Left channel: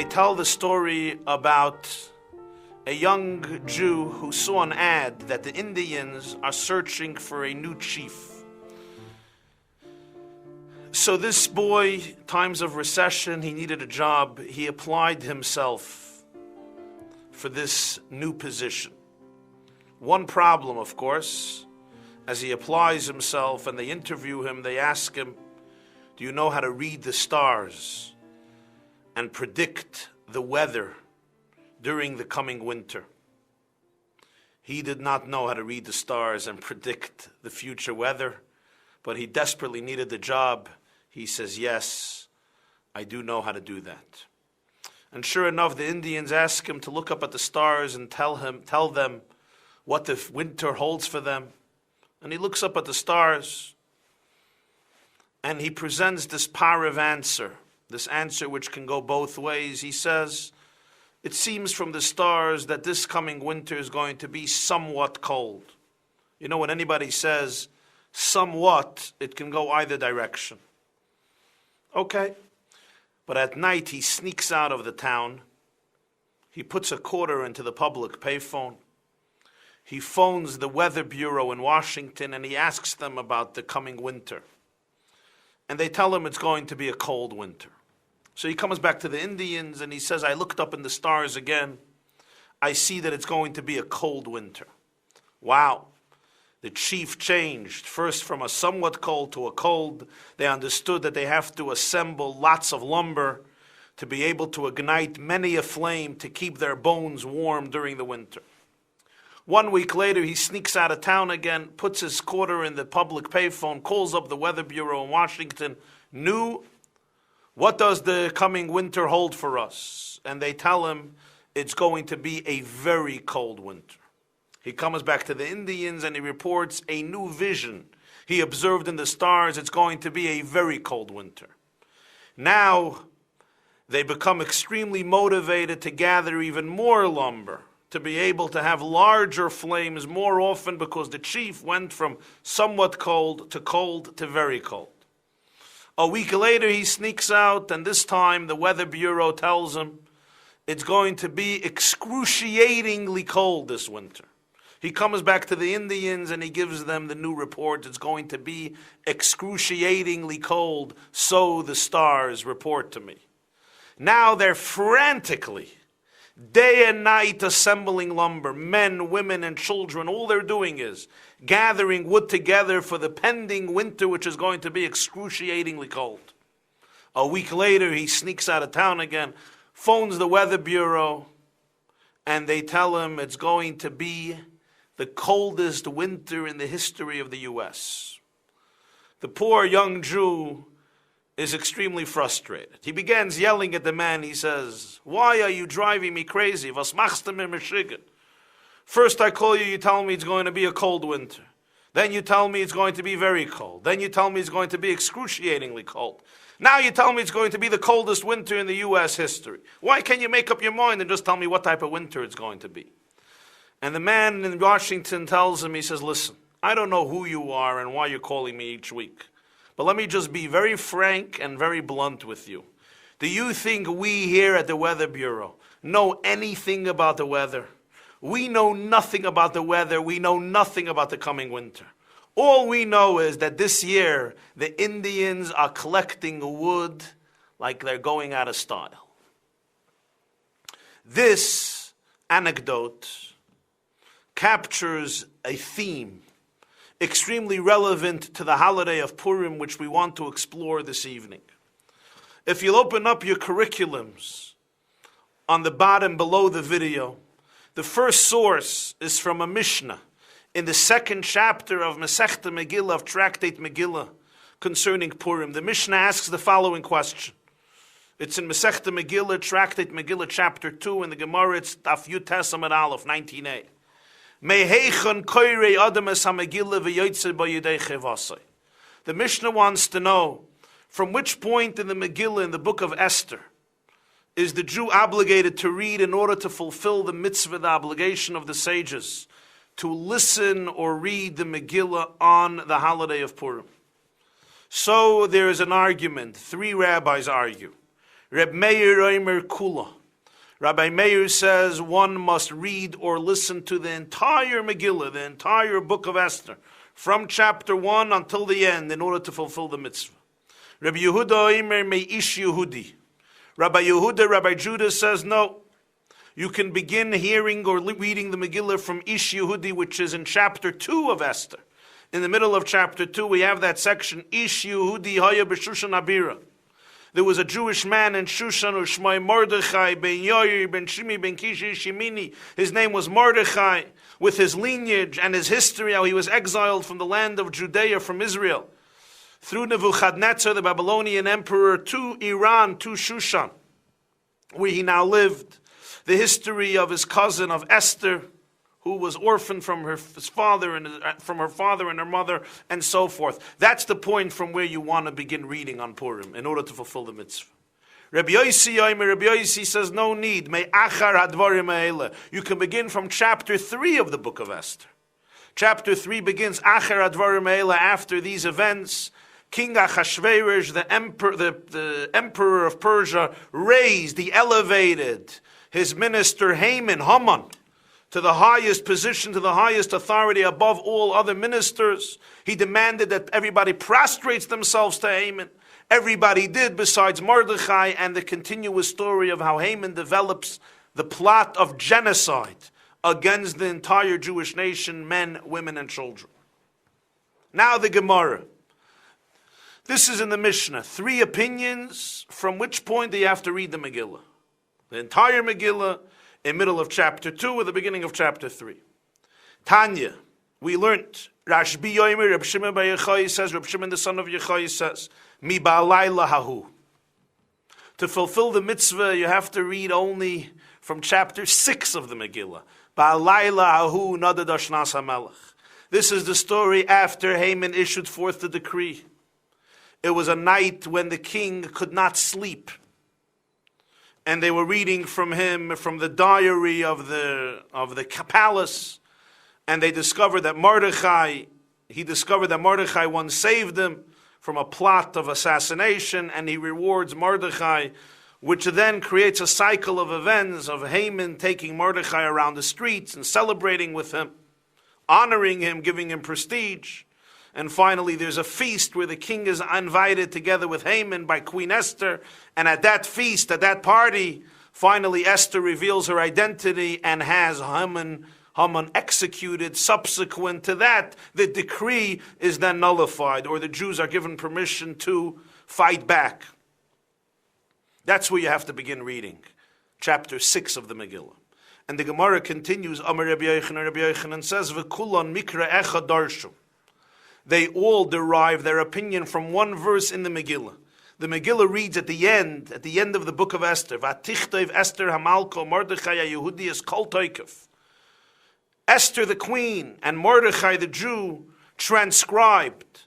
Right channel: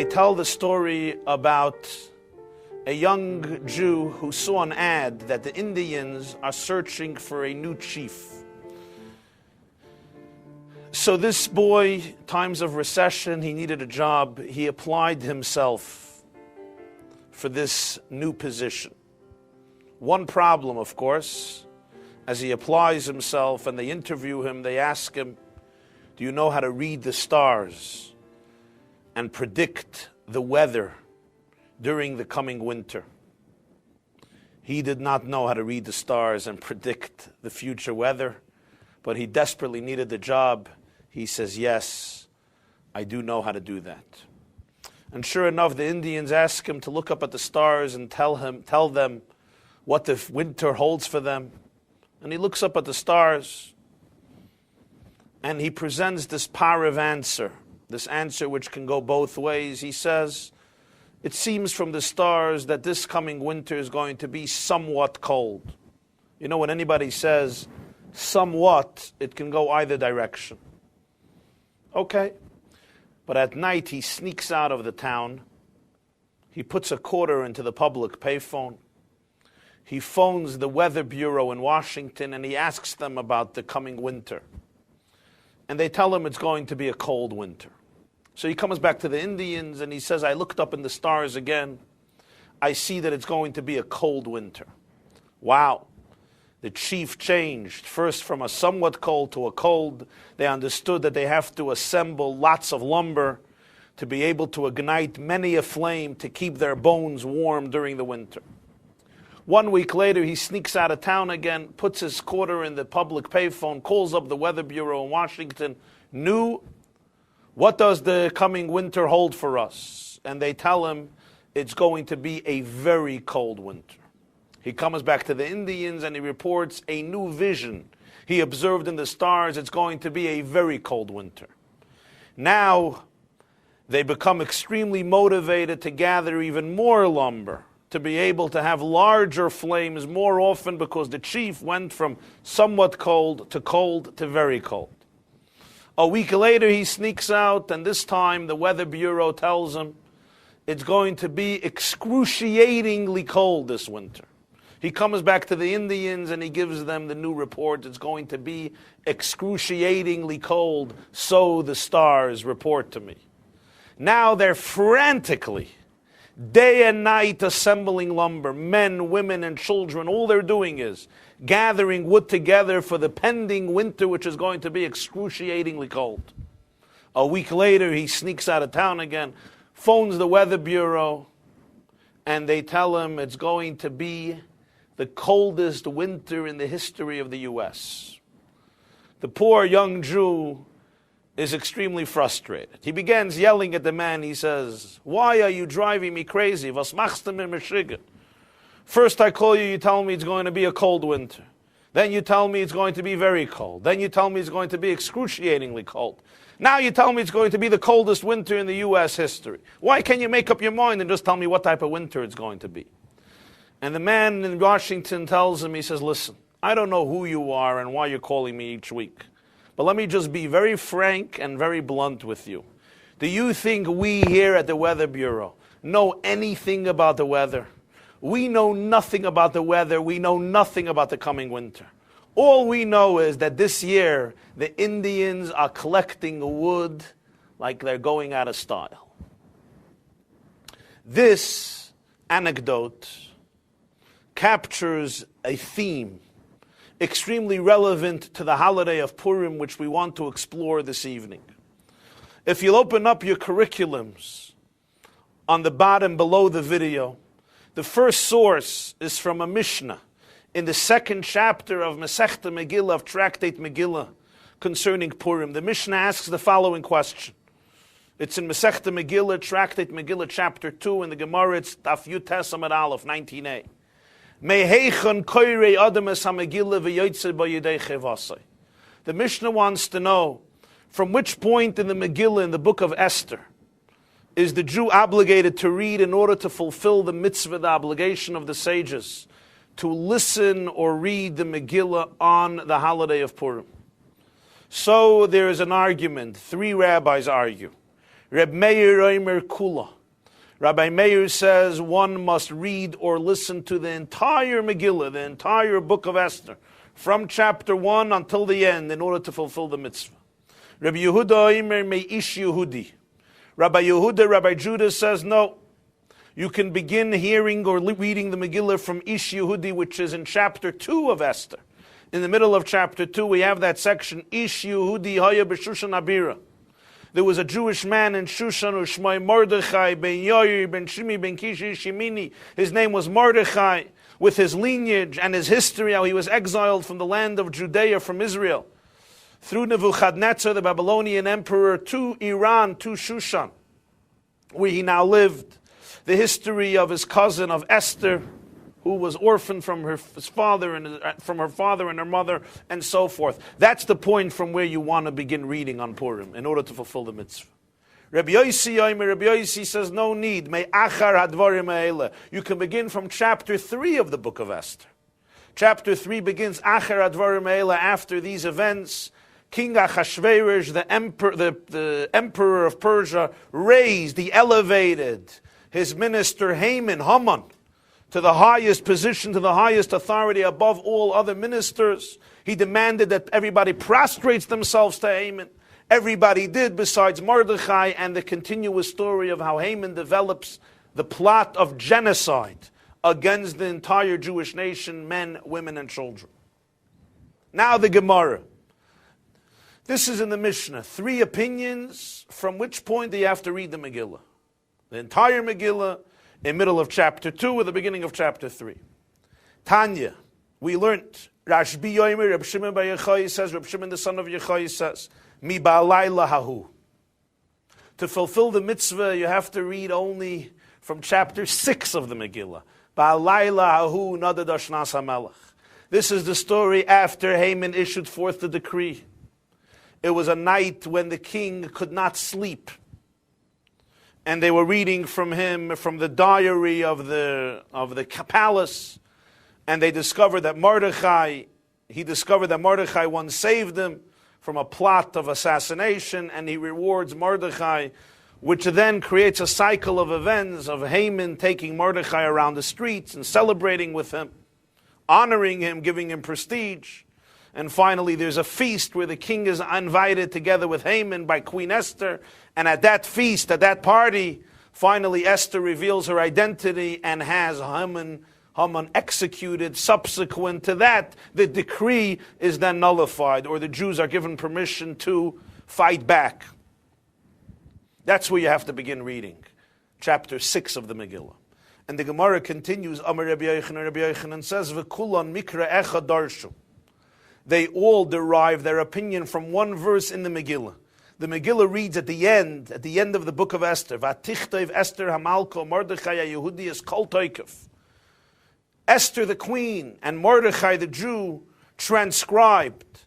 They tell the story about a young Jew who saw an ad that the Indians are searching for a new chief. So this boy, times of recession, he needed a job. He applied himself for this new position. One problem, of course, as he applies himself and they interview him, they ask him, do you know how to read the stars and predict the weather during the coming winter? He did not know how to read the stars and predict the future weather, but he desperately needed the job. He says, yes, I do know how to do that. And sure enough, the Indians ask him to look up at the stars and tell them what the winter holds for them. And he looks up at the stars and he presents this parav answer, this answer which can go both ways. He says, it seems from the stars that this coming winter is going to be somewhat cold. You know, when anybody says somewhat, it can go either direction. Okay. But at night he sneaks out of the town. He puts a quarter into the public payphone. He phones the Weather Bureau in Washington and he asks them about the coming winter. And they tell him it's going to be a cold winter. So he comes back to the Indians and he says, I looked up in the stars again. I see that it's going to be a cold winter. Wow. The chief changed, first from a somewhat cold to a cold. They understood that they have to assemble lots of lumber to be able to ignite many a flame to keep their bones warm during the winter. 1 week later, he sneaks out of town again, puts his quarter in the public payphone, calls up the Weather Bureau in Washington. New, what does the coming winter hold for us? And they tell him it's going to be a very cold winter. He comes back to the Indians and he reports a new vision. He observed in the stars it's going to be a very cold winter. Now, they become extremely motivated to gather even more lumber, to be able to have larger flames more often because the chief went from somewhat cold to very cold. A week later, he sneaks out, and this time the Weather Bureau tells him it's going to be excruciatingly cold this winter. He comes back to the Indians and he gives them the new report. It's going to be excruciatingly cold, so the stars report to me. Now they're frantically, day and night, assembling lumber. Men, women, and children, all they're doing is gathering wood together for the pending winter, which is going to be excruciatingly cold. A week later, he sneaks out of town again, phones the Weather Bureau, and they tell him it's going to be the coldest winter in the history of the U.S. The poor young Jew is extremely frustrated. He begins yelling at the man. He says, why are you driving me crazy? Was machst du mir mischigen? First I call you, you tell me it's going to be a cold winter. Then you tell me it's going to be very cold. Then you tell me it's going to be excruciatingly cold. Now you tell me it's going to be the coldest winter in the U.S. history. Why can't you make up your mind and just tell me what type of winter it's going to be? And the man in Washington tells him, he says, listen, I don't know who you are and why you're calling me each week. But let me just be very frank and very blunt with you. Do you think we here at the Weather Bureau know anything about the weather? We know nothing about the weather. We know nothing about the coming winter. All we know is that this year, the Indians are collecting wood like they're going out of style. This anecdote captures a theme extremely relevant to the holiday of Purim, which we want to explore this evening. If you'll open up your curriculums on the bottom below the video, the first source is from a Mishnah in the second chapter of Masechta Megillah, of Tractate Megillah, concerning Purim. The Mishnah asks the following question. It's in Masechta Megillah, Tractate Megillah, chapter 2, in the Gemara, it's Daf Yud Tes Amud Aleph, 19a. The Mishnah wants to know from which point in the Megillah, in the book of Esther, is the Jew obligated to read in order to fulfill the mitzvah, the obligation of the sages, to listen or read the Megillah on the holiday of Purim. So there is an argument. 3 rabbis argue. Reb Meir Omer Kula. Rabbi Meir says one must read or listen to the entire Megillah, the entire book of Esther, from chapter 1 until the end in order to fulfill the mitzvah. Rabbi Yehuda Omer Meish Yehudi. Rabbi Yehuda, Rabbi Judah says no. You can begin hearing or reading the Megillah from Ish Yehudi, which is in chapter 2 of Esther. In the middle of chapter 2, we have that section, Ish Yehudi Haya B'Shushan Abira. There was a Jewish man in Shushan, Ushmai Mordechai, ben Yair, ben Shimi, ben Kishi, Shimini. His name was Mordechai, with his lineage and his history, how he was exiled from the land of Judea, from Israel, through Nebuchadnezzar, the Babylonian emperor, to Iran, to Shushan, where he now lived. The history of his cousin, of Esther, who was orphaned from his father and from her father and her mother, and so forth. That's the point from where you want to begin reading on Purim in order to fulfill the mitzvah. Rabbi Yossi says no need. You can begin from chapter 3 of the book of Esther. Chapter 3 begins Achar Advarim Eila, after these events. King Achashverosh, the emperor of Persia, raised, he elevated his minister Haman to the highest position, to the highest authority above all other ministers. He demanded that everybody prostrates themselves to Haman. Everybody did besides Mordechai, and the continuous story of how Haman develops the plot of genocide against the entire Jewish nation, men, women, and children. Now the Gemara. This is in the Mishnah. 3 opinions, from which point do you have to read the Megillah? The entire Megillah, in middle of chapter 2 or the beginning of chapter 3. Tanya, we learned, Rashbi Yomer, Reb Shimon bar Yochai says, Reb Shimon the son of Yochai says, Mi ba'alayla hahu. To fulfill the mitzvah, you have to read only from chapter 6 of the Megillah. Ba'alayla hahu nada dashnas hamelech. This is the story after Haman issued forth the decree. It was a night when the king could not sleep. And they were reading from him, from the diary of the palace, and they discovered that Mordechai once saved them from a plot of assassination, and he rewards Mordechai, which then creates a cycle of events of Haman taking Mordechai around the streets and celebrating with him, honoring him, giving him prestige. And finally, there's a feast where the king is invited together with Haman by Queen Esther. And at that feast, at that party, finally Esther reveals her identity and has Haman executed. Subsequent to that, the decree is then nullified, or the Jews are given permission to fight back. That's where you have to begin reading. Chapter 6 of the Megillah. And the Gemara continues, Amar Rabbi Yochanan says, V'kulon mikra echad darshu. They all derive their opinion from one verse in the Megillah. The Megillah reads at the end of the book of Esther, Vatichtov Esther Hamalko Mordechai Yehudi is Kol Toikef. Esther the queen and Mordechai the Jew transcribed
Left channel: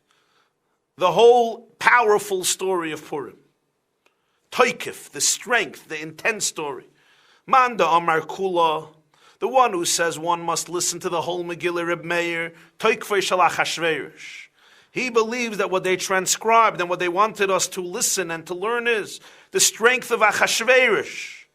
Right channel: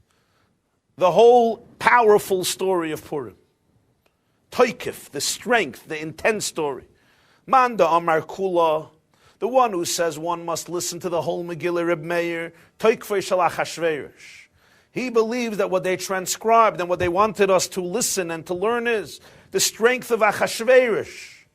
the whole powerful story of Purim. Toikef, the strength, the intense story. Manda Amar Kula, the one who says one must listen to the whole Megillah, Reb Meir, Toikfei Shalach Hashverosh. He believes that what they transcribed and what they wanted us to listen and to learn is the strength of Achashverosh,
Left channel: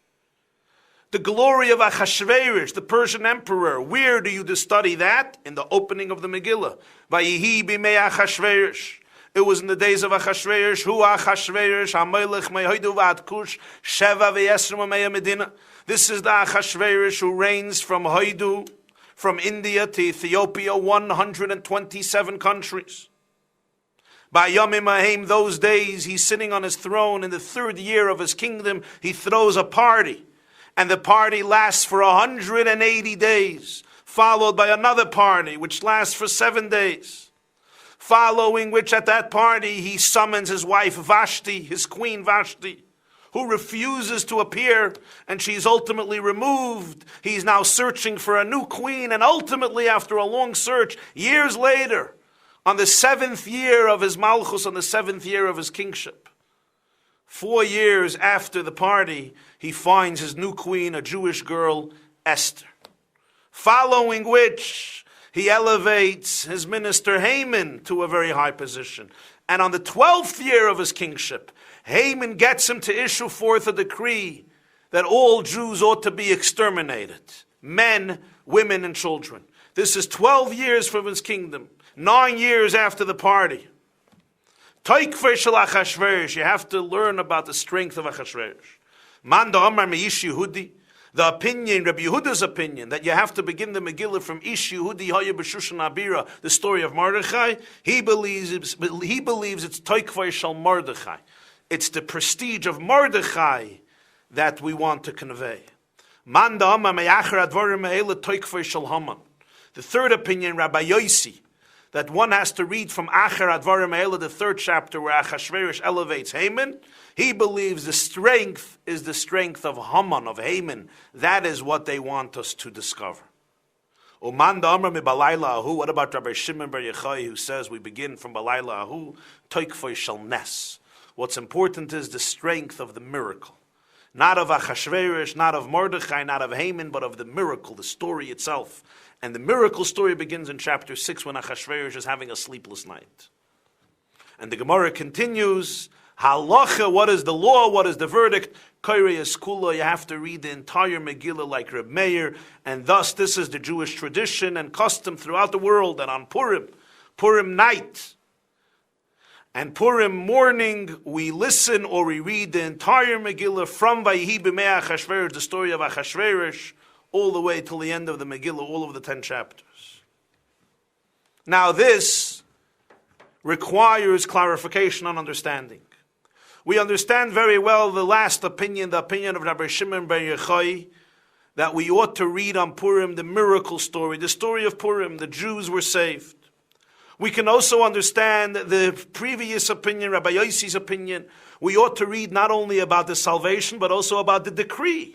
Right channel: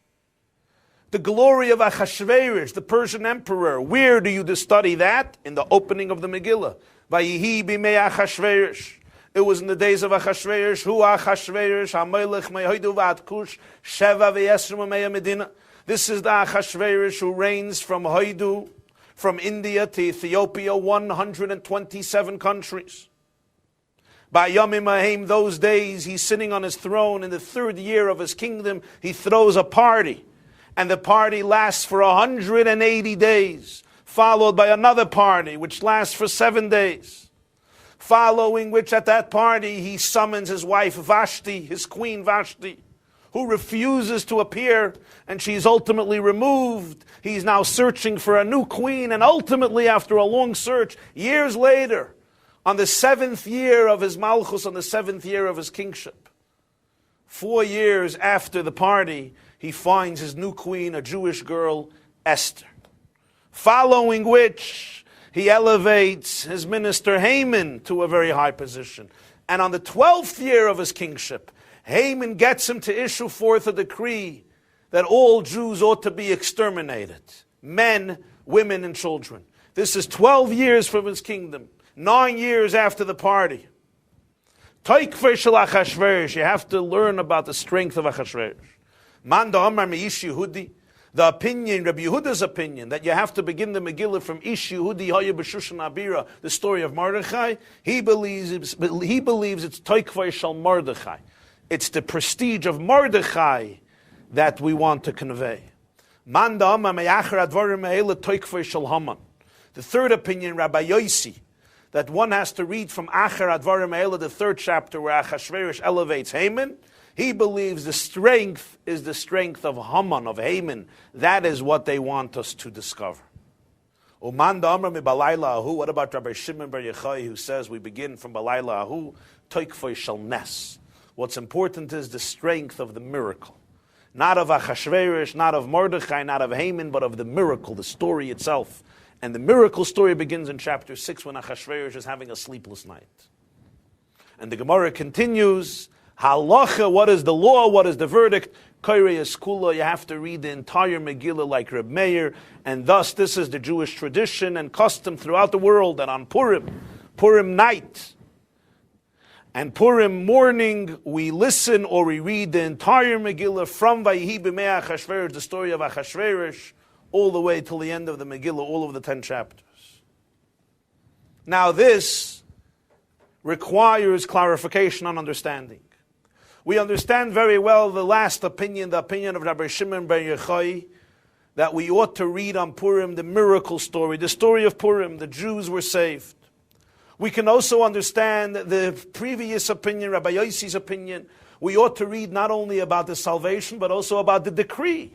the glory of Achashverosh, the Persian emperor. Where do you study that? In the opening of the Megillah. Vayihi b'mei Achashverosh. It was in the days of Achashverosh. Hu Achashverosh, HaMelech me'hoidu v'ad Kush, Sheva v'yesrim me'ya Medina. This is the Achashverosh who reigns from Hoidu, from India to Ethiopia, 127 countries. By Yomim Ahim, those days, he's sitting on his throne in the 3rd year of his kingdom. He throws a party, and the party lasts for 180 days, followed by another party, which lasts for 7 days. Following which, at that party, he summons his wife Vashti, his queen Vashti, who refuses to appear, and she's ultimately removed. He's now searching for a new queen, and ultimately, after a long search, years later, on the 7th year of his malchus, on the 7th year of his kingship, 4 years after the party, he finds his new queen, a Jewish girl, Esther. Following which, he elevates his minister Haman to a very high position. And on the 12th year of his kingship, Haman gets him to issue forth a decree that all Jews ought to be exterminated. Men, women, and children. This is 12 years from his kingdom. 9 years after the party. You have to learn about the strength of Achashverosh. The opinion, Rabbi Yehuda's opinion, that you have to begin the Megillah from Ish Yehudi Haya B'Shushan Abira, the story of Mordechai. He believes it's Toikvay Shal Mordechai. It's the prestige of Mordechai that we want to convey. The third opinion, Rabbi Yossi, that one has to read from Acher Advarim Ha'ela, the third chapter, where Achashverosh elevates Haman. He believes the strength is the strength of Haman, of Haman. That is what they want us to discover. What about Rabbi Shimon Bar Yochai, who says we begin from Balayla Ahu, Toikfoy Shal Nes. What's important is the strength of the miracle. Not of Achashverosh, not of Mordechai, not of Haman, but of the miracle, the story itself. And the miracle story begins in chapter 6 when Achashverosh is having a sleepless night. And the Gemara continues, Halacha, what is the law, what is the verdict? Kairei Eskula, you have to read the entire Megillah like Reb Meir, and thus this is the Jewish tradition and custom throughout the world that on Purim night, and Purim morning, we listen or we read the entire Megillah from Vayihi B'mei Achashverosh, the story of Achashverosh, all the way till the end of the Megillah, all of the 10 chapters. Now this requires clarification and understanding. We understand very well the last opinion, the opinion of Rabbi Shimon Bar Yochai, that we ought to read on Purim the miracle story, the story of Purim, the Jews were saved. We can also understand the previous opinion, Rabbi Yossi's opinion. We ought to read not only about the salvation, but also about the decree.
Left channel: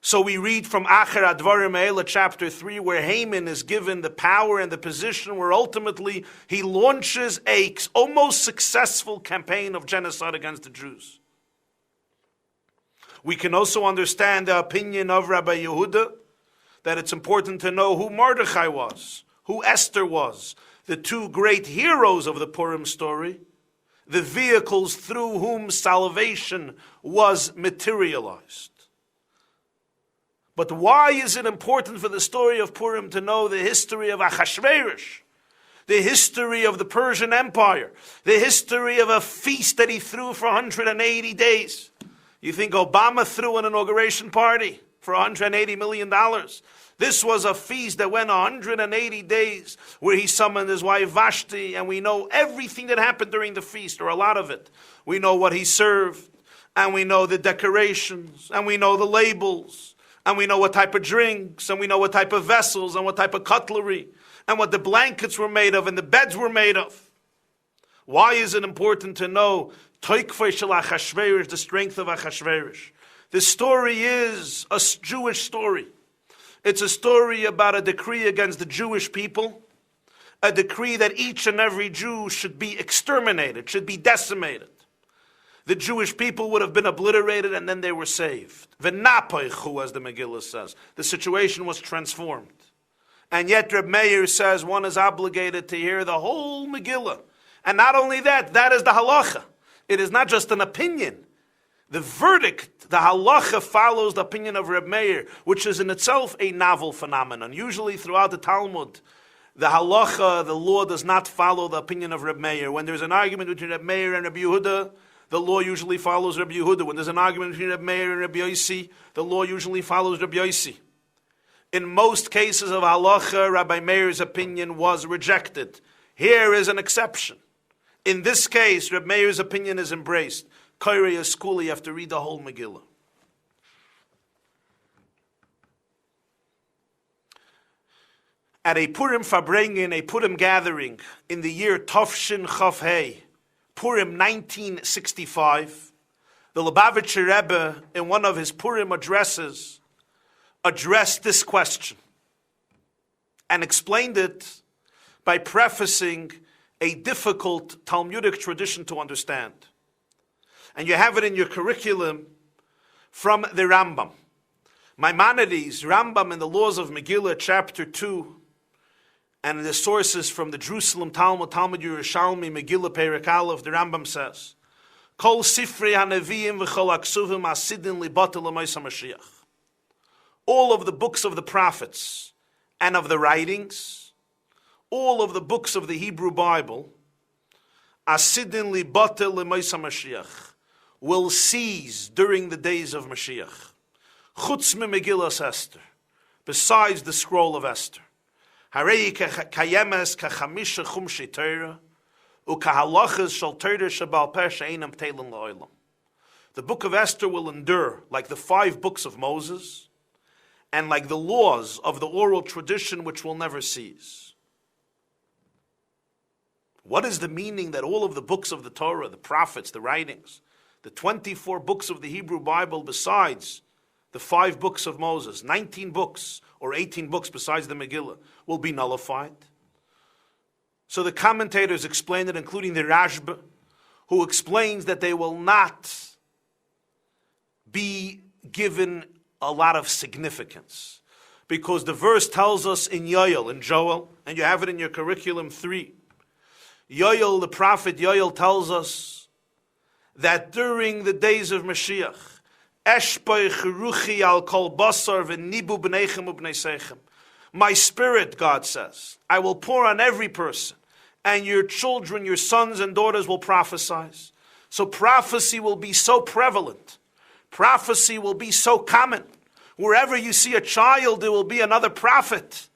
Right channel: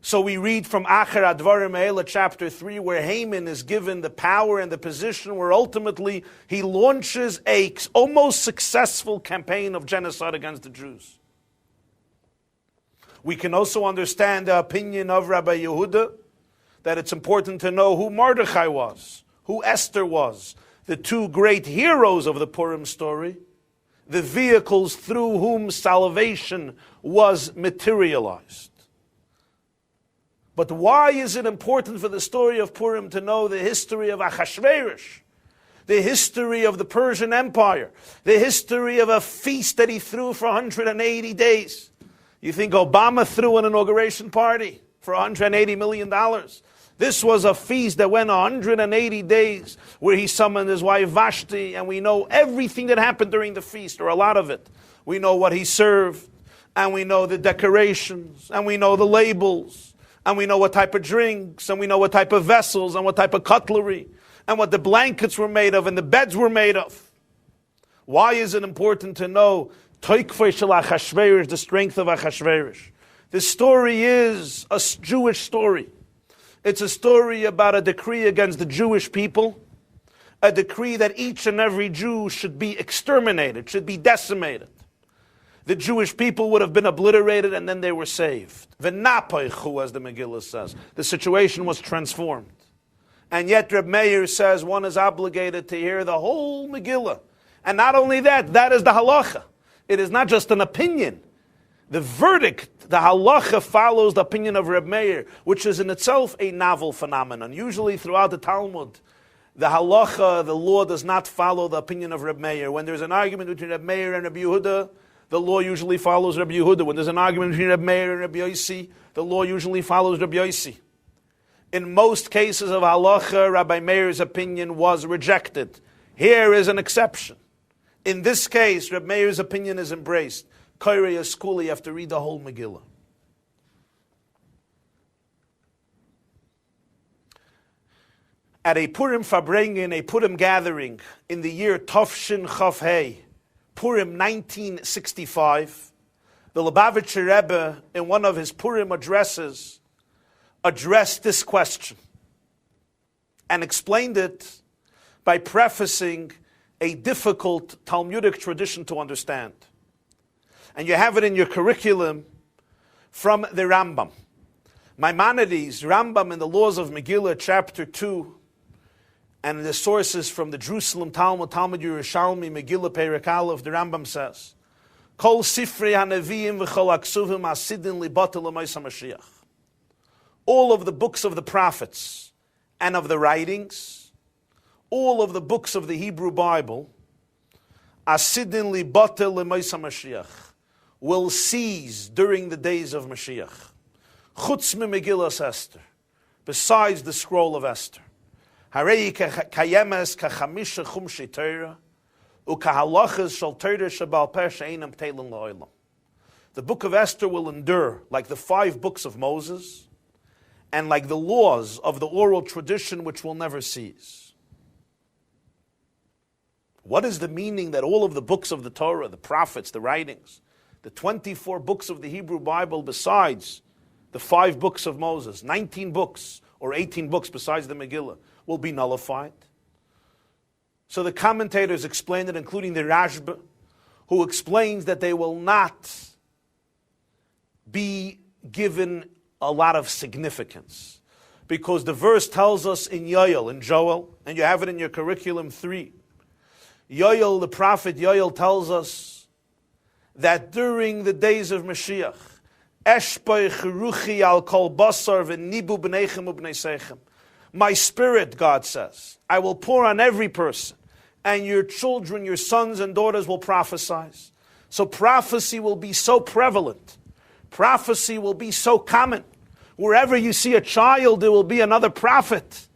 So we read from Acher Advarim Ha'ela, chapter 3, where Haman is given the power and the position where ultimately he launches a almost successful campaign of genocide against the Jews. We can also understand the opinion of Rabbi Yehuda that it's important to know who Mordechai was, who Esther was, the two great heroes of the Purim story, the vehicles through whom salvation was materialized. But why is it important for the story of Purim to know the history of Achashverosh, the history of the Persian Empire, the history of a feast that he threw for 180 days? You think Obama threw an inauguration party for $180 million? This was a feast that went 180 days, where he summoned his wife Vashti, and we know everything that happened during the feast, or a lot of it. We know what he served, and we know the decorations, and we know the labels, and we know what type of drinks, and we know what type of vessels, and what type of cutlery, and what the blankets were made of, and the beds were made of. Why is it important to know Toikvei Shel Achashverosh, the strength of Achashverosh? This story is a Jewish story. It's a story about a decree against the Jewish people, a decree that each and every Jew should be exterminated, should be decimated. The Jewish people would have been obliterated, and then they were saved. V'napoichu, as the Megillah says. The situation was transformed. And yet Reb Meir says one is obligated to hear the whole Megillah. And not only that, that is the halacha. It is not just an opinion. The verdict, the halacha, follows the opinion of Reb Meir, which is in itself a novel phenomenon. Usually throughout the Talmud, the halacha, the law, does not follow the opinion of Reb Meir. When there's an argument between Reb Meir and Rabbi Yehuda, the law usually follows Rabbi Yehuda. When there's an argument between Rabbi Meir and Rabbi Yossi, the law usually follows Rabbi Yossi. In most cases of halacha, Rabbi Meir's opinion was rejected. Here is an exception. In this case, Rabbi Meir's opinion is embraced. Kairei Eskula, you have to read the whole Megillah. At a Purim Farbrengen, a Purim gathering, in the year Tafshin Chaf Hei, Purim 1965, the Lubavitcher Rebbe, in one of his Purim addresses, addressed this question and explained it by prefacing a difficult Talmudic tradition to understand. And you have it in your curriculum from the Rambam. Maimonides, Rambam in the Laws of Megillah, chapter 2, And the sources from the Jerusalem Talmud, Talmud Yerushalmi, Megillah Perek Aleph, the Rambam says, Kol Sifrei HaNeviim v'chol HaKsuvim Asidin Libatel L'Mos HaMashiach. All of the books of the prophets and of the writings, all of the books of the Hebrew Bible, Asidin Libatel L'Mos HaMashiach, will cease during the days of Mashiach. Chutz me Megillas Esther, besides the scroll of Esther. Harei kayemes kachamisha chumshi Torah, ukahalachas shal Torah shabal peh she'einam teilen la'olam. The book of Esther will endure like the 5 books of Moses and like the laws of the oral tradition which will never cease. What is the meaning that all of the books of the Torah, the prophets, the writings, the 24 books of the Hebrew Bible besides the 5 books of Moses, 19 books or 18 books besides the Megillah, will be nullified? So the commentators explain it, including the Rabbi, who explains that they will not be given a lot of significance. Because the verse tells us in Yoel, in Joel, and you have it in your curriculum 3, Yoel, the prophet Yoel, tells us that during the days of Mashiach, Eshpei chiruchi al kol basar v'nibu b'neichem u'b'neisechem. My spirit, God says, I will pour on every person, and your children, your sons and daughters will prophesy. So prophecy will be so prevalent. Prophecy will be so common. Wherever you see a child, there will be another prophet.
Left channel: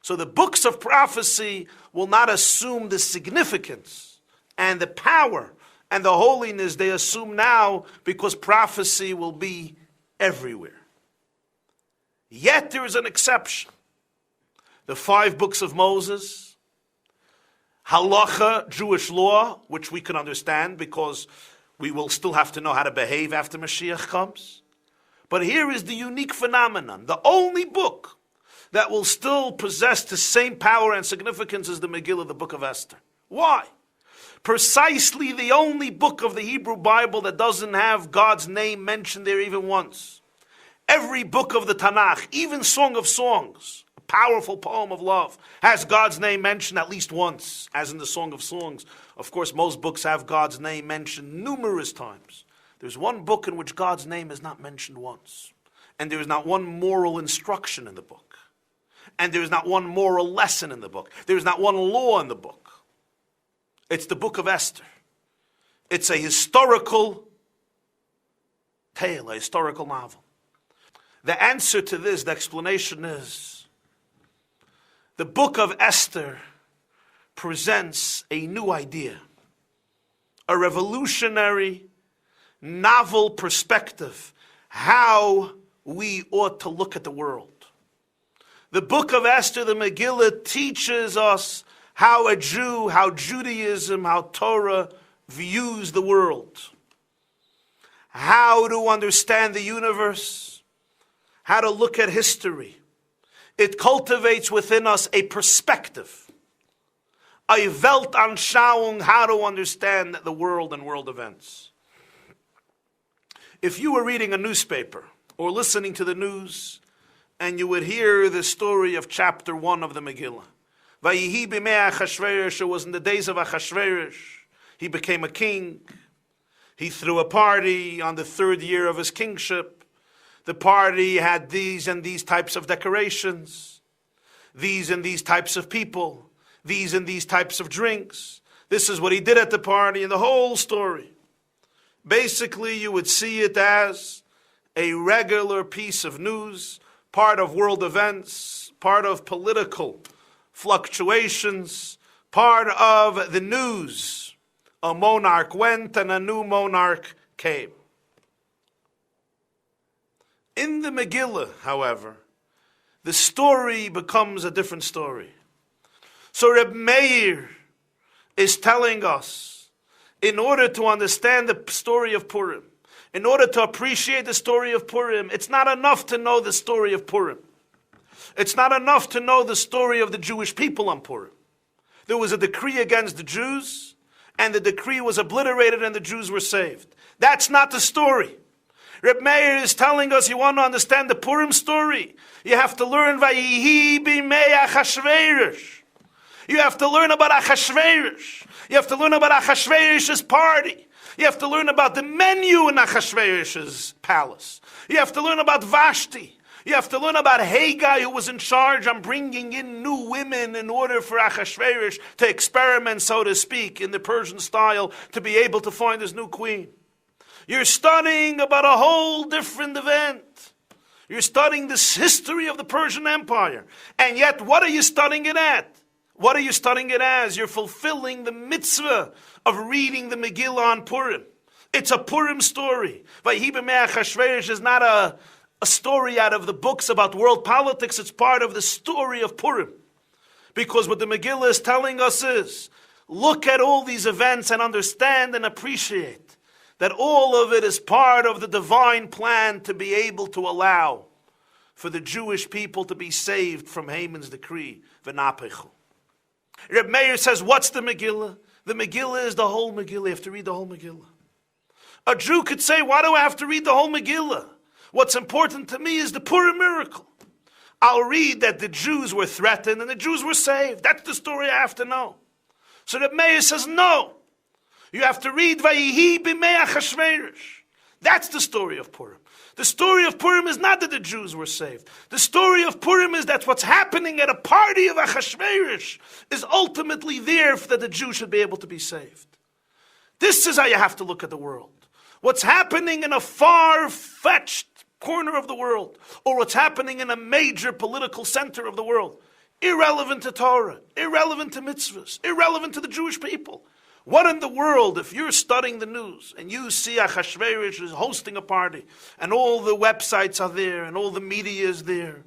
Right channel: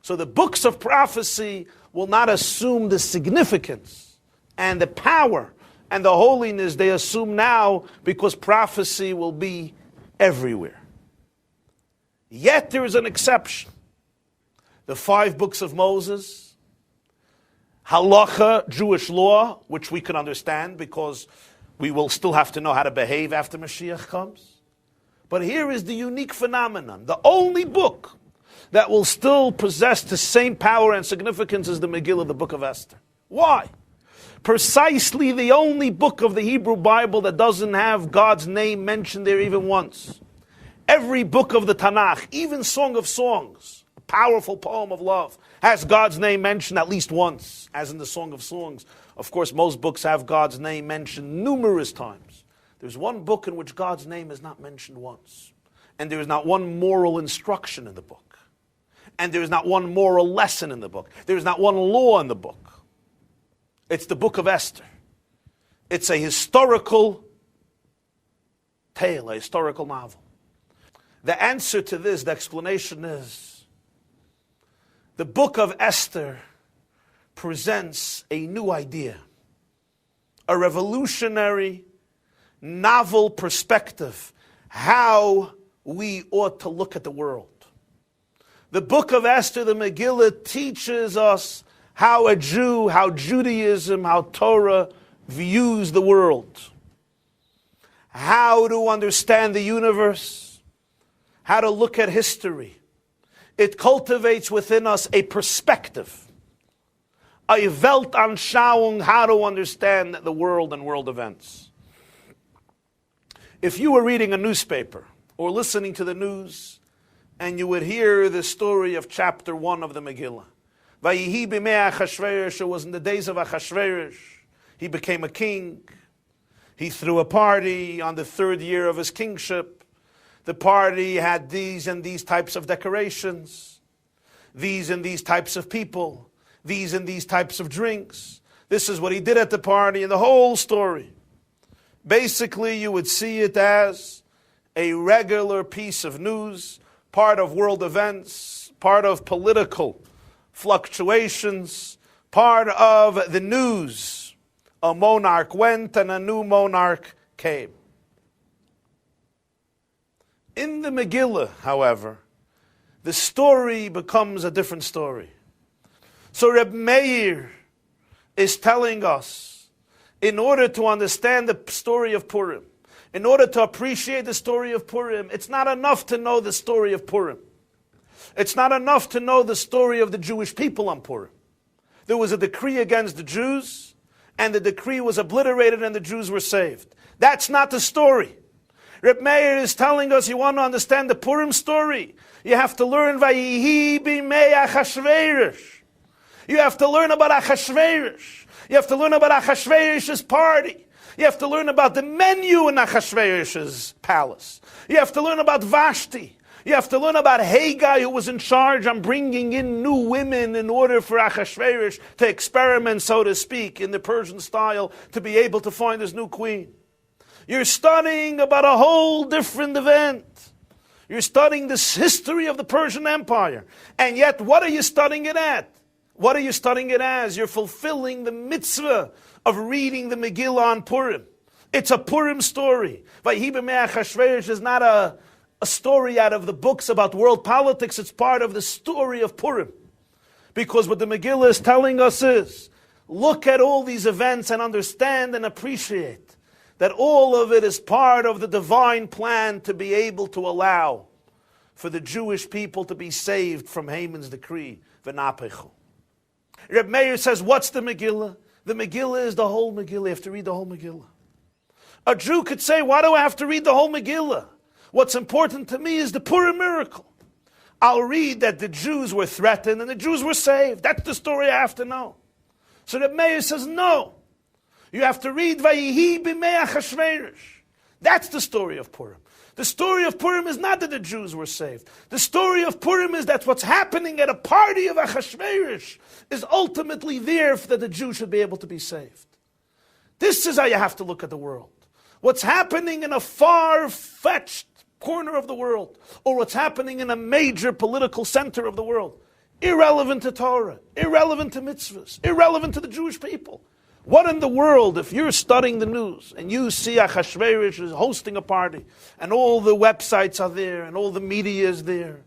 So the books of prophecy will not assume the significance and the power and the holiness they assume now, because prophecy will be everywhere. Yet there is an exception. The 5 books of Moses, halacha, Jewish law, which we can understand because we will still have to know how to behave after Mashiach comes. But here is the unique phenomenon. The only book that will still possess the same power and significance as the Megillah, the book of Esther. Why? Precisely the only book of the Hebrew Bible that doesn't have God's name mentioned there even once. Every book of the Tanakh, even Song of Songs, a powerful poem of love, has God's name mentioned at least once, as in the Song of Songs. Of course, most books have God's name mentioned numerous times. There's one book in which God's name is not mentioned once. And there is not one moral instruction in the book. And there is not one moral lesson in the book. There is not one law in the book. It's the book of Esther. It's a historical tale, a historical novel. The answer to this, the explanation is, the book of Esther presents a new idea, a revolutionary, novel perspective, how we ought to look at the world. The book of Esther, the Megillah, teaches us how a Jew, how Judaism, how Torah views the world, how to understand the universe, how to look at history. It cultivates within us a perspective, a Weltanschauung, how to understand the world and world events. If you were reading a newspaper or listening to the news and you would hear the story of chapter 1 of the Megillah, Vayihi b'mei Achashverosh, it was in the days of Achashverosh. He became a king. He threw a party on the 3rd year of his kingship. The party had these and these types of decorations, these and these types of people, these and these types of drinks. This is what he did at the party, and the whole story. Basically, you would see it as a regular piece of news, part of world events, part of political fluctuations, part of the news. A monarch went and a new monarch came. In the Megillah, however, the story becomes a different story. So Reb Meir is telling us, in order to understand the story of Purim, in order to appreciate the story of Purim, it's not enough to know the story of Purim. It's not enough to know the story of the Jewish people on Purim. There was a decree against the Jews, and the decree was obliterated and the Jews were saved. That's not the story. Reb Meir is telling us, you want to understand the Purim story, you have to learn Vayihi b'mei Achashverosh. You have to learn about Achashverosh. You have to learn about Achashverosh's party. You have to learn about the menu in Achashverosh's palace. You have to learn about Vashti. You have to learn about Haggai, who was in charge on bringing in new women in order for Achashverosh to experiment, so to speak, in the Persian style, to be able to find his new queen. You're studying about a whole different event. You're studying this history of the Persian Empire. And yet, what are you studying it at? What are you studying it as? You're fulfilling the mitzvah of reading the Megillah on Purim. It's a Purim story. Vayhi b'mei Achashverosh is not a story out of the books about world politics. It's part of the story of Purim. Because what the Megillah is telling us is, look at all these events and understand and appreciate that all of it is part of the divine plan to be able to allow for the Jewish people to be saved from Haman's decree, v'napechu. Reb Meir says, what's the Megillah? The Megillah is the whole Megillah. You have to read the whole Megillah. A Jew could say, why do I have to read the whole Megillah? What's important to me is the Purim miracle. I'll read that the Jews were threatened and the Jews were saved. That's the story I have to know. So the Meir says, no. You have to read Vayihi b'mei Achashverosh. That's the story of Purim. The story of Purim is not that the Jews were saved. The story of Purim is that what's happening at a party of Achashverosh is ultimately there for that the Jews should be able to be saved. This is how you have to look at the world. What's happening in a far-fetched corner of the world, or what's happening in a major political center of the world, irrelevant to Torah, irrelevant to mitzvahs, irrelevant to the Jewish people. What in the world, if you're studying the news and you see Achashverosh is hosting a party and all the websites are there and all the media is there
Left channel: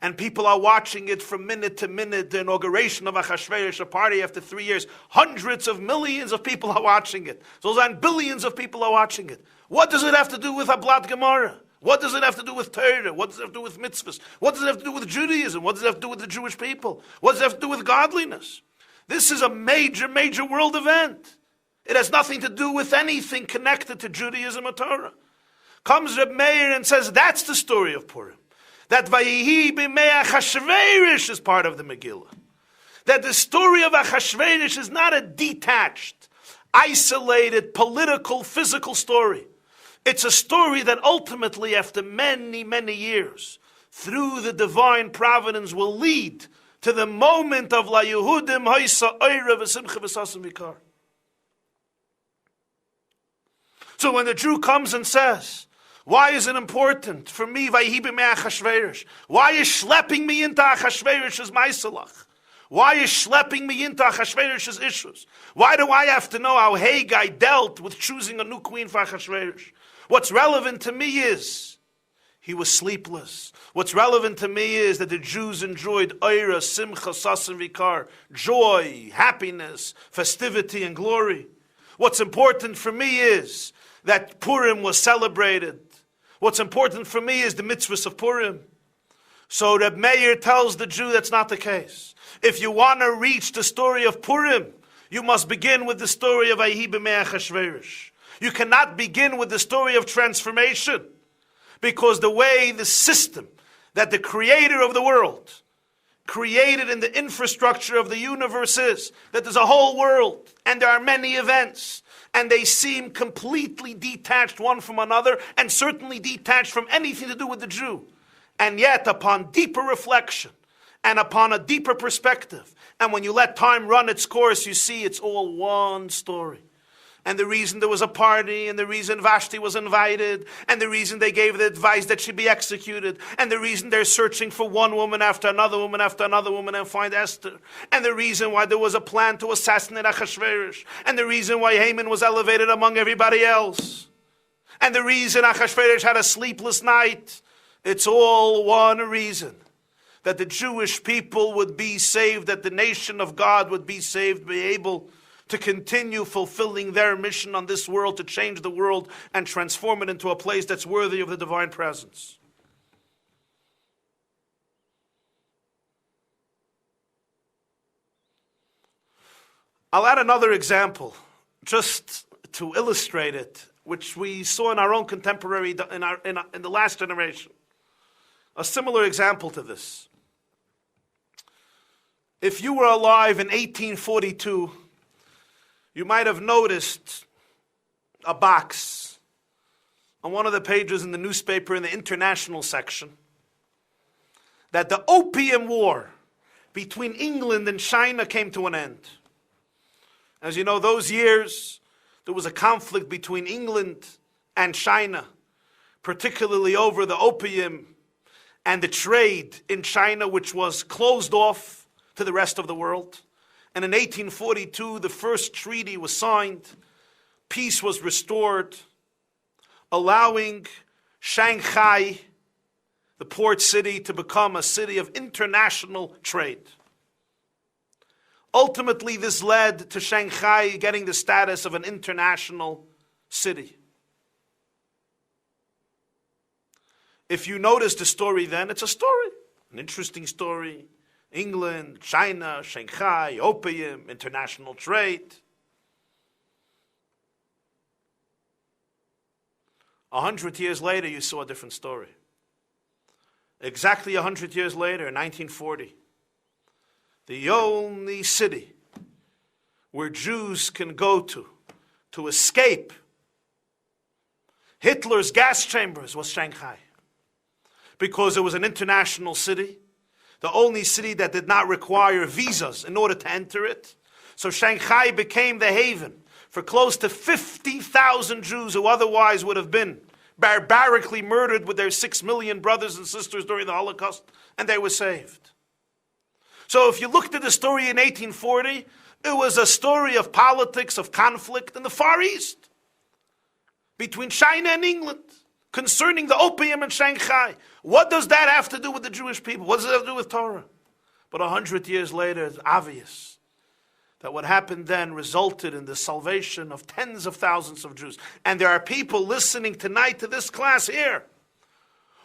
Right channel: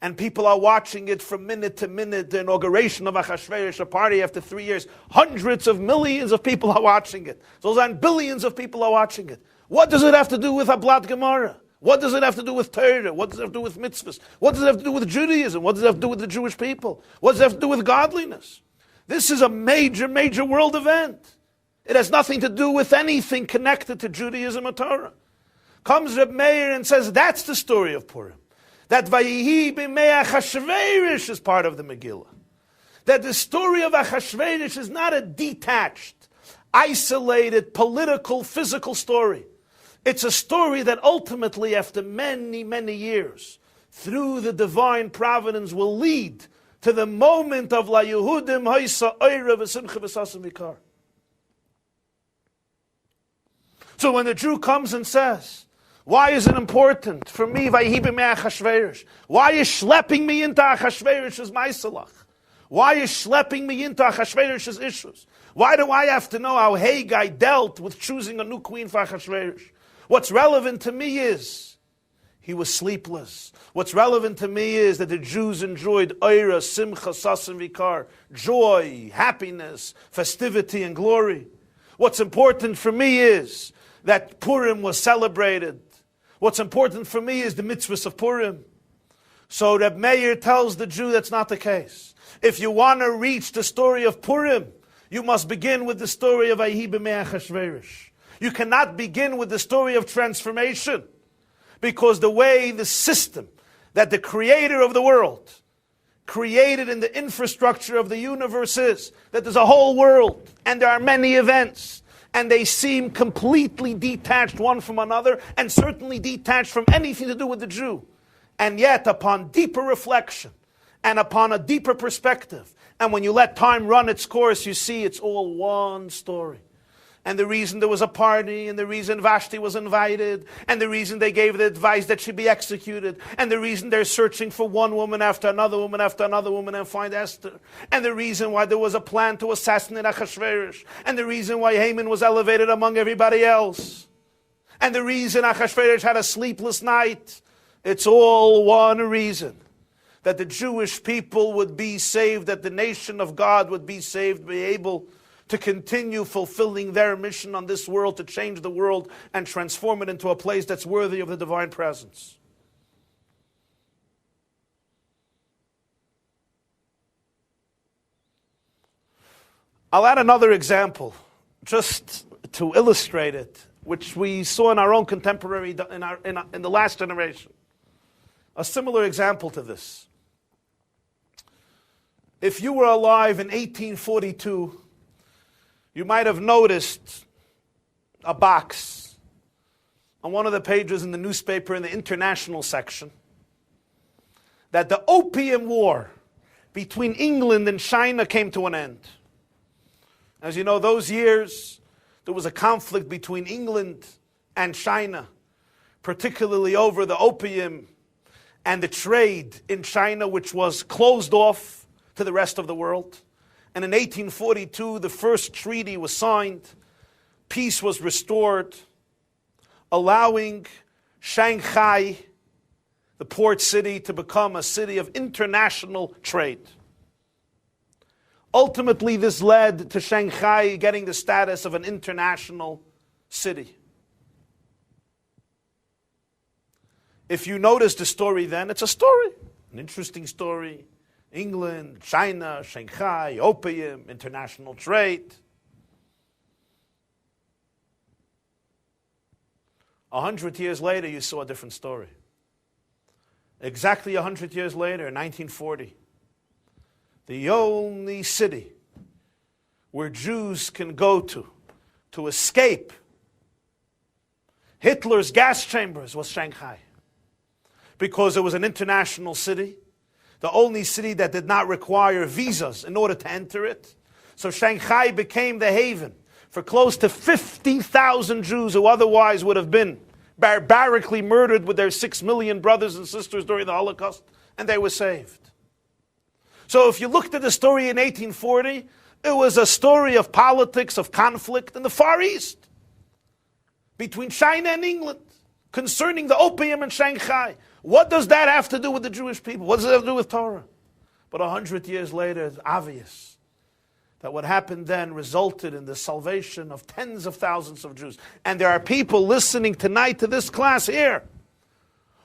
and people are watching it from minute to minute, the inauguration of Achashverosh, a party after 3 years, hundreds of millions of people are watching it. So then billions of people are watching it. What does it have to do with Ablat Gemara? What does it have to do with Torah? What does it have to do with mitzvahs? What does it have to do with Judaism? What does it have to do with the Jewish people? What does it have to do with godliness? This is a major, major world event. It has nothing to do with anything connected to Judaism or Torah. Comes Reb Meir and says, that's the story of Purim. That Vayihi b'mei Achashverosh is part of the Megillah. That the story of Achashverosh is not a detached, isolated, political, physical story. It's a story that ultimately, after many, many years, through the divine providence, will lead to the moment of La Yehudim Haisa Eira V'Simcha V'Sasam Yikar. So when the Jew comes and says, why is it important for me, Vayihi b'mei Achashverosh? Why is schlepping me into Achashverosh's Maisalach? Why is schlepping me into Achashverosh's issues? Why do I have to know how Haggai dealt with choosing a new queen for Achashverosh? What's relevant to me is he was sleepless. What's relevant to me is that the Jews enjoyed Eira, Simcha, Sasam Vikar, joy, happiness, festivity, and glory. What's important for me is that Purim was celebrated. What's important for me is the mitzvahs of Purim. So Reb Meir tells the Jew that's not the case. If you want to reach the story of Purim, you must begin with the story of Vayihi b'mei Achashverosh. You cannot begin with the story of transformation, because the way the system that the creator of the world created in the infrastructure of the universe is that there's a whole world and there are many events and they seem completely detached one from another and certainly detached from anything to do with the Jew. And yet, upon deeper reflection and upon a deeper perspective, and when you let time run its course, you see it's all one story. And the reason there was a party, and the reason Vashti was invited, and the reason they gave the advice that she be executed, and the reason they're searching for one woman after another woman after another woman and find Esther, and the reason why there was a plan to assassinate Achashverosh, and the reason why Haman was elevated among everybody else, and the reason Achashverosh had a sleepless night. It's all one reason. That the Jewish people would be saved, that the nation of God would be saved, be able to continue fulfilling their mission on this world, to change the world and transform it into a place that's worthy of the divine presence. I'll add another example, just to illustrate it, which we saw in our own contemporary, in the last generation. A similar example to this. If you were alive in 1842, you might have noticed a box on one of the pages in the newspaper in the international section that the Opium War between England and China came to an end. As you know, those years, there was a conflict between England and China, particularly over the opium and the trade in China, which was closed off to the rest of the world. And in 1842, the first treaty was signed. Peace was restored, allowing Shanghai, the port city, to become a city of international trade. Ultimately, this led to Shanghai getting the status of an international city. If you notice the story then, it's a story, an interesting story. England, China, Shanghai, opium, international trade. 100 years later, you saw a different story. Exactly 100 years later, in 1940, the only city where Jews can go to escape Hitler's gas chambers was Shanghai. Because it was an international city, the only city that did not require visas in order to enter it. So Shanghai became the haven for close to 50,000 Jews who otherwise would have been barbarically murdered with their 6 million brothers and sisters during the Holocaust, and they were saved. So if you looked at the story in 1840, it was a story of politics, of conflict in the Far East between China and England concerning the opium in Shanghai. What does that have to do with the Jewish people? What does it have to do with Torah? But 100 years later, it's obvious that what happened then resulted in the salvation of tens of thousands of Jews. And there are people listening tonight to this class here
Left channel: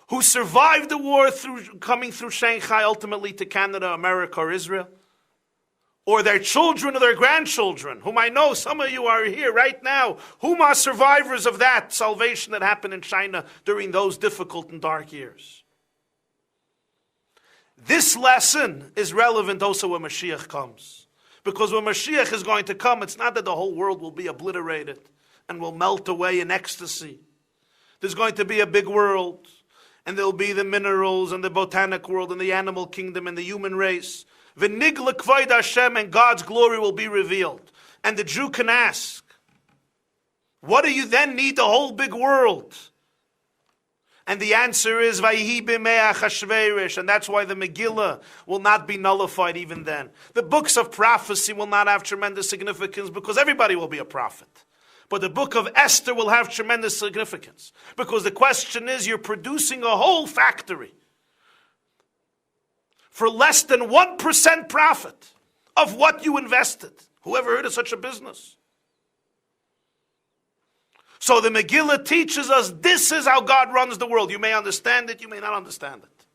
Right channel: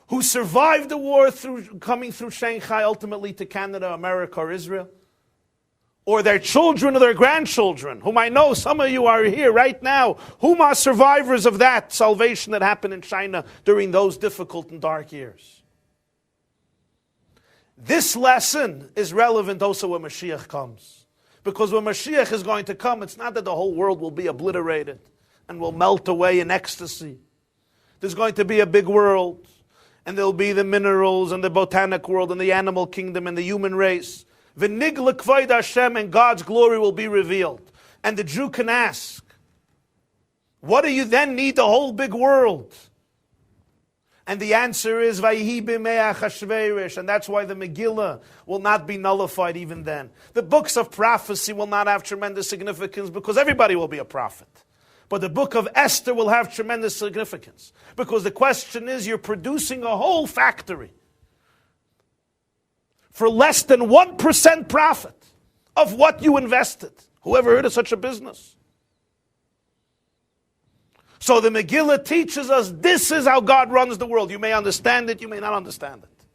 who survived the war through coming through Shanghai, ultimately to Canada, America, or Israel, or their children or their grandchildren, whom I know some of you are here right now, whom are survivors of that salvation that happened in China during those difficult and dark years. This lesson is relevant also when Mashiach comes. Because when Mashiach is going to come, it's not that the whole world will be obliterated and will melt away in ecstasy. There's going to be a big world, and there'll be the minerals and the botanic world and the animal kingdom and the human race. V'nigla k'vod Hashem, and God's glory will be revealed. And the Jew can ask, what do you then need the whole big world? And the answer is, Vayihi b'mei Achashverosh, and that's why the Megillah will not be nullified even then. The books of prophecy will not have tremendous significance because everybody will be a prophet. But the book of Esther will have tremendous significance because the question is, you're producing a whole factory for less than 1% profit of what you invested. Whoever heard of such a business? So the Megillah teaches us this is how God runs the world. You may understand it, you may not understand it.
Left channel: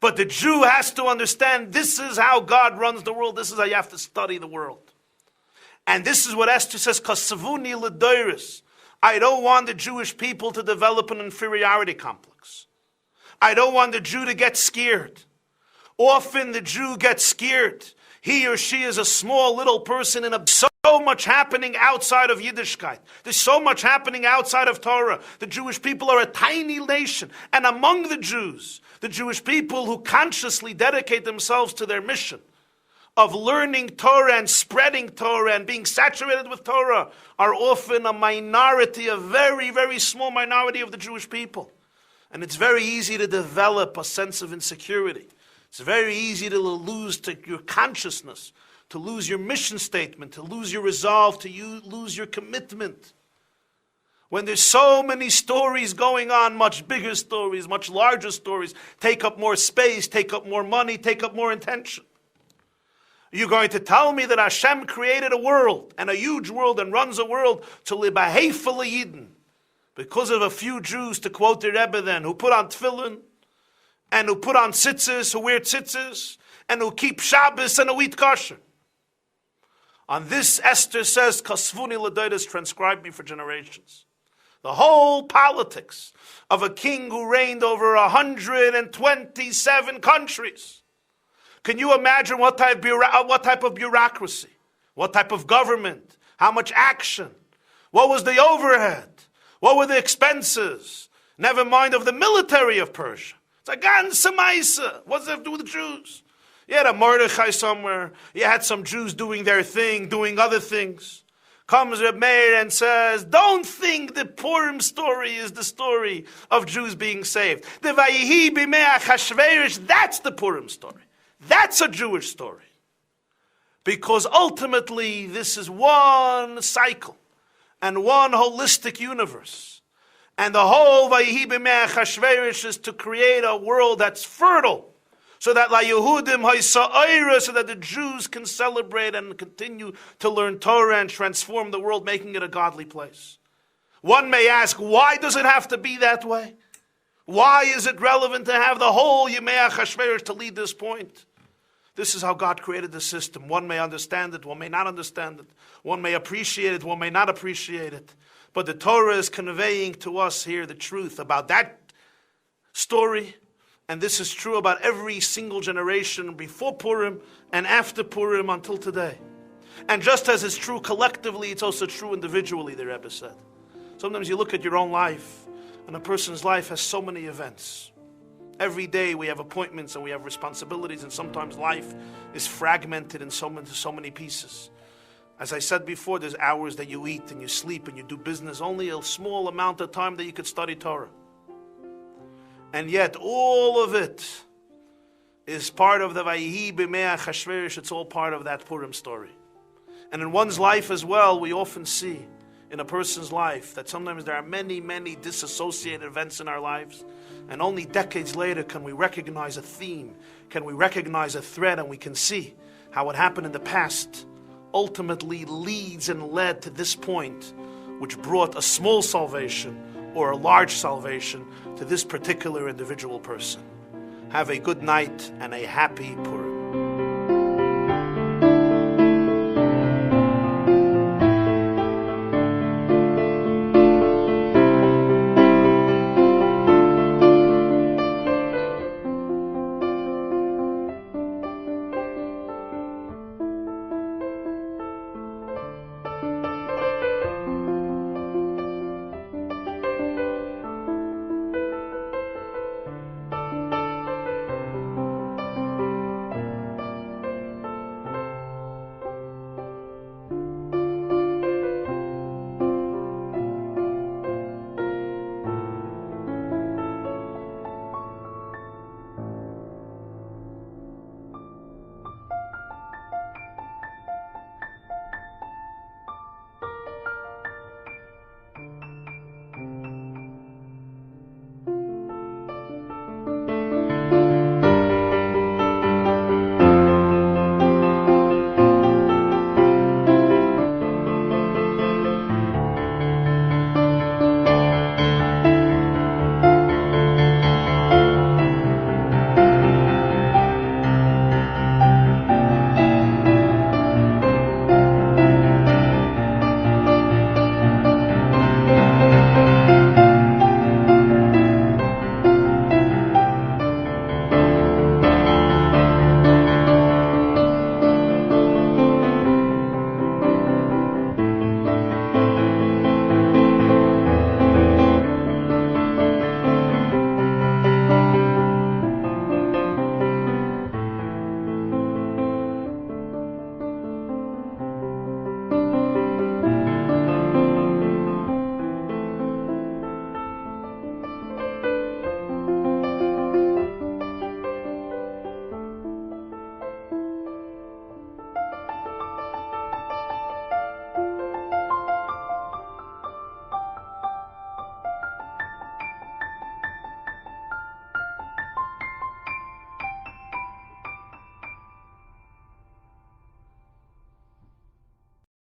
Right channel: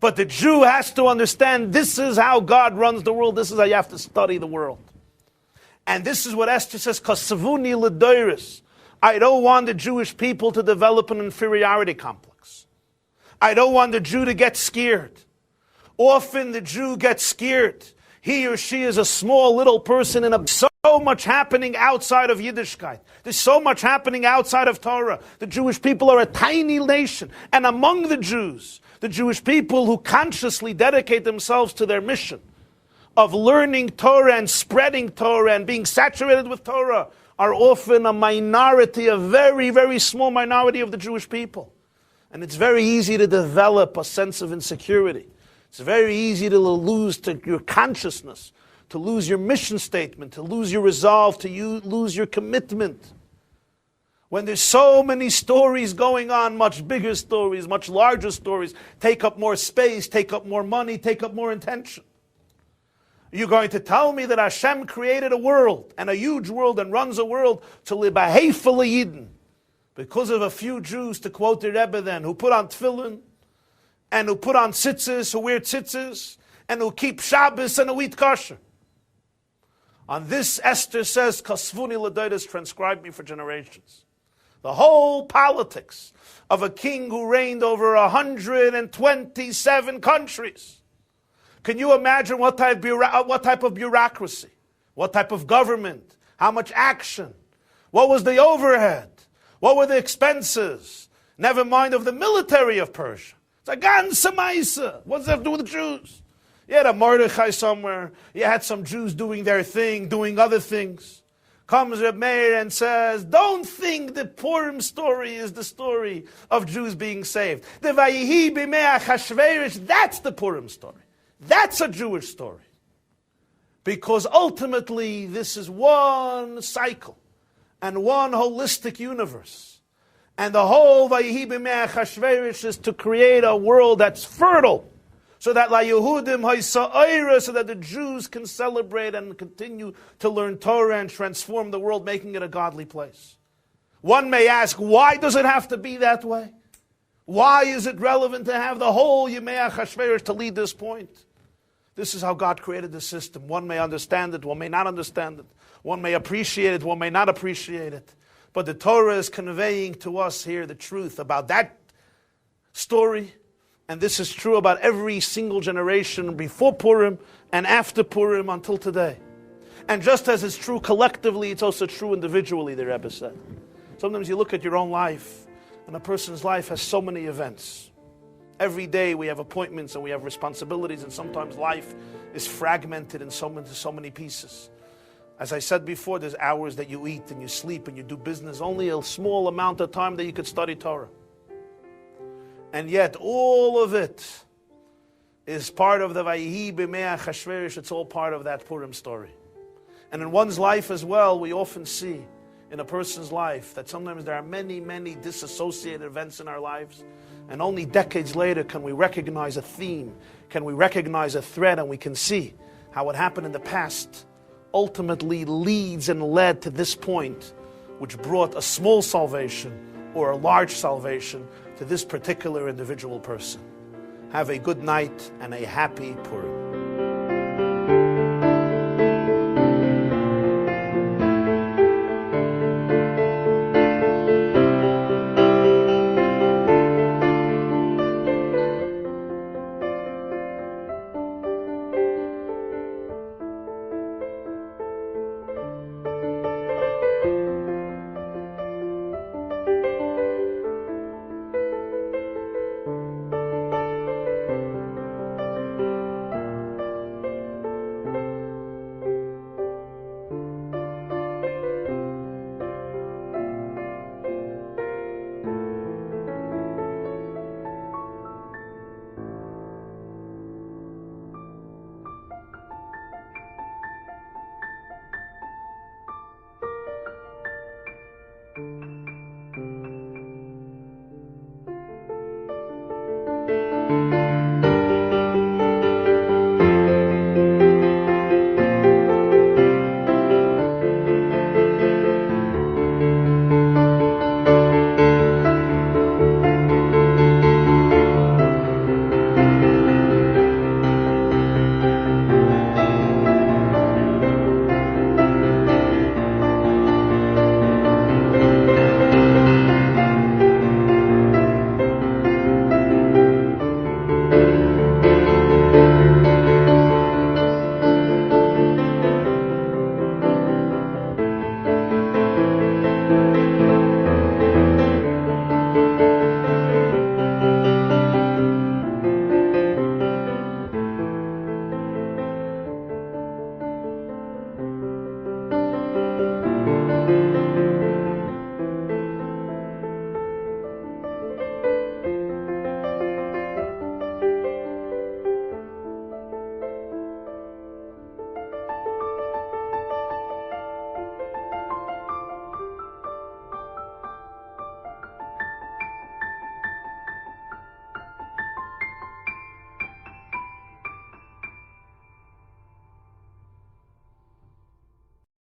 But the Jew has to understand this is how God runs the world. This is how you have to study the world. And this is what Esther says, Kasavuni l'doiris. I don't want the Jewish people to develop an inferiority complex. I don't want the Jew to get scared. Often the Jew gets scared. He or she is a small little person in so much happening outside of Yiddishkeit. There's so much happening outside of Torah. The Jewish people are a tiny nation. And among the Jews, the Jewish people who consciously dedicate themselves to their mission of learning Torah and spreading Torah and being saturated with Torah are often a minority, a very, very small minority of the Jewish people. And it's very easy to develop a sense of insecurity. It's very easy to lose your consciousness, to lose your mission statement, to lose your resolve, to lose your commitment. When there's so many stories going on, much bigger stories, much larger stories, take up more space, take up more money, take up more attention. You're going to tell me that Hashem created a world, and a huge world, and runs a world to live a hateful Yidden, because of a few Jews, to quote the Rebbe then, who put on tefillin, and who put on tzitzis, who wear tzitzis, and who keep Shabbos and who eat kosher. On this, Esther says, Kasvuni l'doiris, transcribe me for generations. The whole politics of a king who reigned over 127 countries Can you imagine what type of bureaucracy, what type of government, how much action, what was the overhead, what were the expenses, never mind of the military of Persia. It's a ganze Maisa. What does that have to do with the Jews? You had a Mordechai somewhere, you had some Jews doing their thing, doing other things. Comes Reb Meir and says, don't think the Purim story is the story of Jews being saved. The Vayihi b'mei Achashverosh, that's the Purim story. That's a Jewish story. Because ultimately, this is one cycle and one holistic universe. And the whole Vayihi b'mei Achashverosh is to create a world that's fertile, so that La Yehudim Haisa'ira, so that the Jews can celebrate and continue to learn Torah and transform the world, making it a godly place. One may ask, why does it have to be that way? Why is it relevant to have the whole Yemei Achashverosh to lead this point? This is how God created the system. One may understand it, one may not understand it. One may appreciate it, one may not appreciate it. But the Torah is conveying to us here the truth about that story. And this is true about every single generation before Purim and after Purim until today. And just as it's true collectively, it's also true individually, the Rebbe said. Sometimes you look at your own life, and a person's life has so many events. Every day we have appointments and we have responsibilities, and sometimes life is fragmented in so many pieces. As I said before, there's hours that you eat and you sleep and you do business, only a small amount of time that you could study Torah. And yet all of it is part of the Vayihi b'mei Achashverosh. It's all part of that Purim story. And in one's life as well, we often see in a person's life that sometimes there are many, many disassociated events in our lives. And only decades later can we recognize a theme, can we recognize a thread, and we can see how what happened in the past ultimately leads and led to this point, which brought a small salvation or a large salvation to this particular individual person. Have a good night and a happy Purim.